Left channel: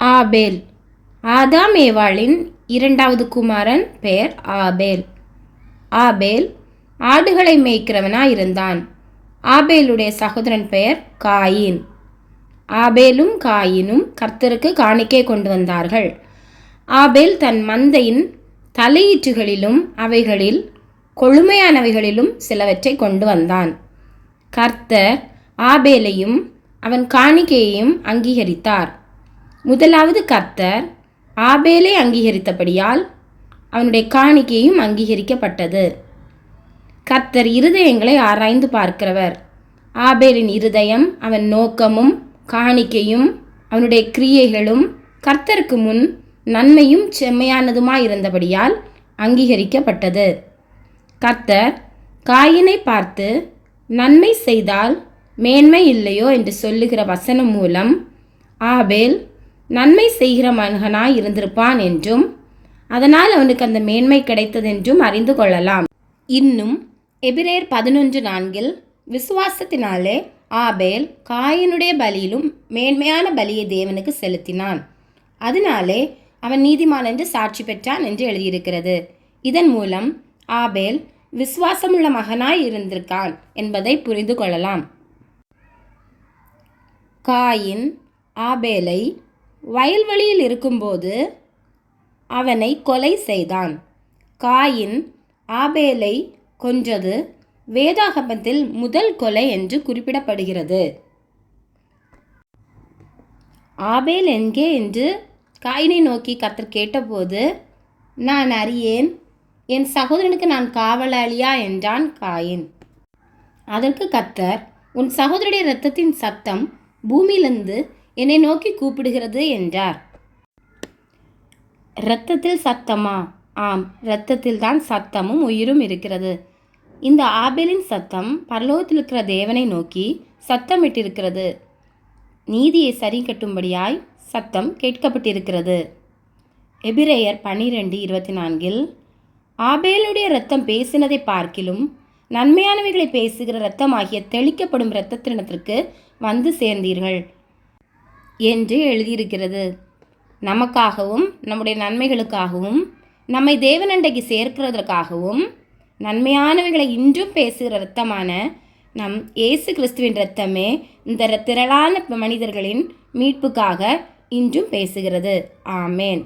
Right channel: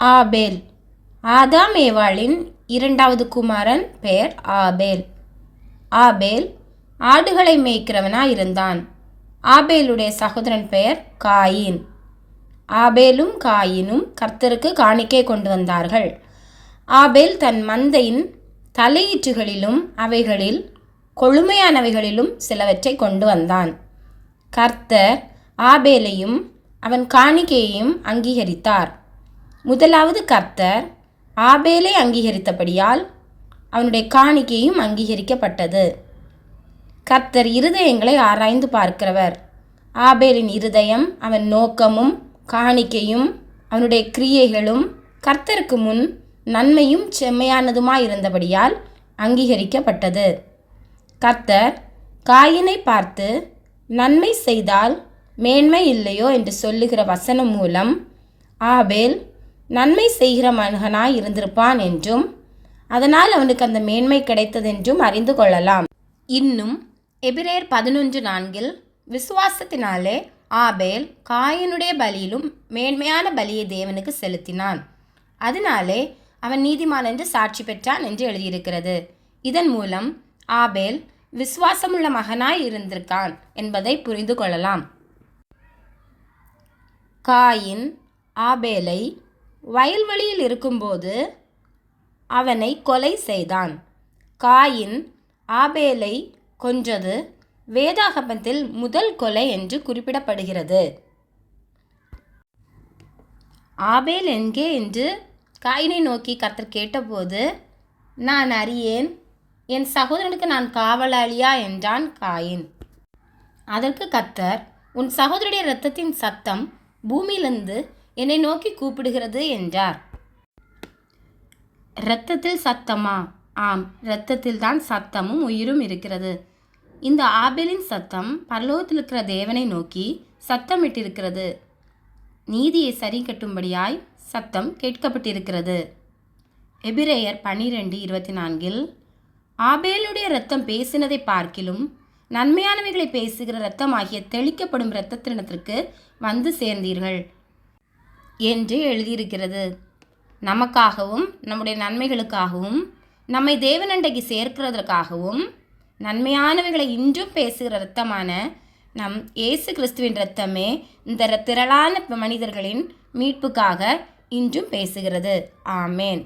ஆபேல். ஆதாம் ஏவாளின் இரண்டாவது குமாரன் பெயர் ஆபேல். ஆபேல் ஆடுகளை மேய்க்கிறவனாயிருந்தான். ஆபேலுடைய சகோதரன் பெயர் காயின். ஆபேலும் காயினும் கர்த்தருக்கு காணிக்கை கொண்டு வந்தார்கள். ஆபேல் தன் மந்தையின் தலையீற்றுகளிலும் அவைகளில் கொழுமையானவைகளிலும் சிலவற்றை கொண்டு வந்தான். கர்த்தர் ஆபேலையும் அவன் காணிக்கையையும் அங்கீகரித்தார். முதலாவது கர்த்தர் ஆபேலை அங்கீகரித்தபடியால் அவனுடைய காணிக்கையும் அங்கீகரிக்கப்பட்டது. கர்த்தர் இருதயங்களை ஆராய்ந்து பார்க்கிறவர். ஆபேலின் இருதயம், அவன் நோக்கமும் காணிக்கையும் அவனுடைய கிரியைகளும் கர்த்தருக்கு முன் நன்மையும் செம்மையானதுமாயிருந்தபடியால் அங்கீகரிக்கப்பட்டது. கர்த்தர் காயினை பார்த்து நன்மை செய்தால் மேன்மை இல்லையோ என்று சொல்லுகிற வசனம் மூலம் ஆபேல் நன்மை செய்கிற மகனாய் இருந்திருப்பான் என்றும் அதனால் அவனுக்கு அந்த மேன்மை கிடைத்ததென்றும் அறிந்து கொள்ளலாம். இன்னும் எபிரேயர் 11:4 விசுவாசத்தினாலே ஆபேல் காயினுடைய பலியிலும் மேன்மையான பலியை தேவனுக்கு செலுத்தினான், அதனாலே அவன் நீதிமான் என்று சாட்சி பெற்றான் என்று எழுதியிருக்கிறது. இதன் மூலம் ஆபேல் விசுவாசமுள்ள மகனாய் இருந்திருக்கான் என்பதை புரிந்து கொள்ளலாம். காயின் ஆபேலை வயல்வெளியில் இருக்கும்போது அவனை கொலை செய்தான். காயின் ஆபேலை கொன்றது வேதாகமத்தில் முதல் கொலை என்று குறிப்பிடப்படுகிறது. ஆபேல் எங்கே என்று காயினை நோக்கி கர்த்தர் கேட்டபோது, நான் அறியேன், என் சகோதரனுக்கு நான் காவலாளியா என்றான் காயின். அதற்கு கர்த்தர், உன் சகோதரனுடைய இரத்தத்தின் சத்தம் பூமியிலிருந்து என்னை நோக்கி கூப்பிடுகிறது என்றார். இரத்தத்தில் சத்தமா? ஆம், இரத்தத்தில் தான் சத்தமும் உயிரும் இருக்கிறது. இந்த ஆபேலின் சத்தம் பரலோகத்தில் இருக்கிற தேவனை நோக்கி சத்தமிட்டிருக்கிறது. நீதியை சரி கட்டும்படியாய் சத்தம் கேட்கப்பட்டிருக்கிறது. எபிரேயர் 12:24 ஆபேலுடைய இரத்தம் பேசினதை பார்க்கிலும் நன்மையானவைகளை பேசுகிற இரத்தமாகிய தெளிக்கப்படும் இரத்தத்தினத்திற்கு வந்து சேர்ந்தீர்கள் என்று எழுதியிருக்கிறது. நமக்காகவும் நம்முடைய நன்மைகளுக்காகவும் நம்மை தேவனண்டைக்கு சேர்க்கிறதற்காகவும் நன்மையானவைகளை இன்றும் பேசுகிற இரத்தமான நம் இயேசு கிறிஸ்துவின் இரத்தமே இந்த திரளான மனிதர்களின் மீட்புக்காக இன்றும் பேசுகிறது. ஆமேன்.